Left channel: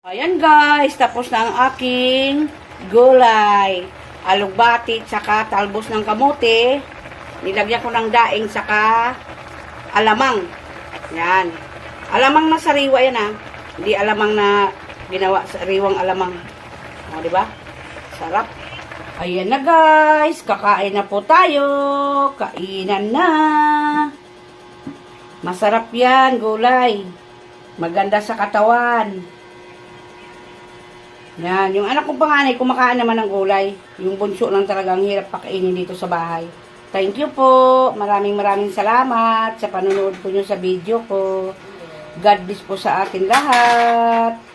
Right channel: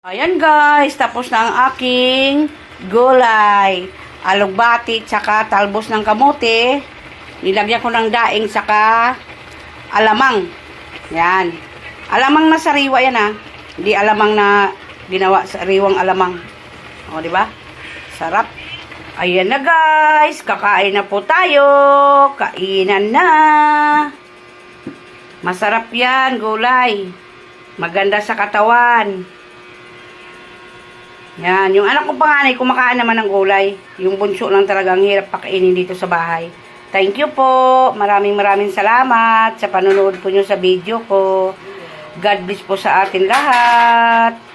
Ayan guys, tapos na ang aking gulay. Alugbati, tsaka talbos ng kamote. Nilagyan ko ng daing, tsaka alamang. Yan. Alamang na sariwa yan ha. Hindi alamang na ginawa sariwang alamang. O, di ba? Sarap. Ayan na guys, kakain na po tayo. Kainan na. Masarap yan, gulay. Maganda sa katawan. Yan, yung anak ko panganay, kumakain naman ng gulay. Yung bunso lang talaga ang hirap pakainin dito sa bahay. Thank you po. Maraming salamat sa panonood po nyo sa video ko. God bless po sa atin lahat.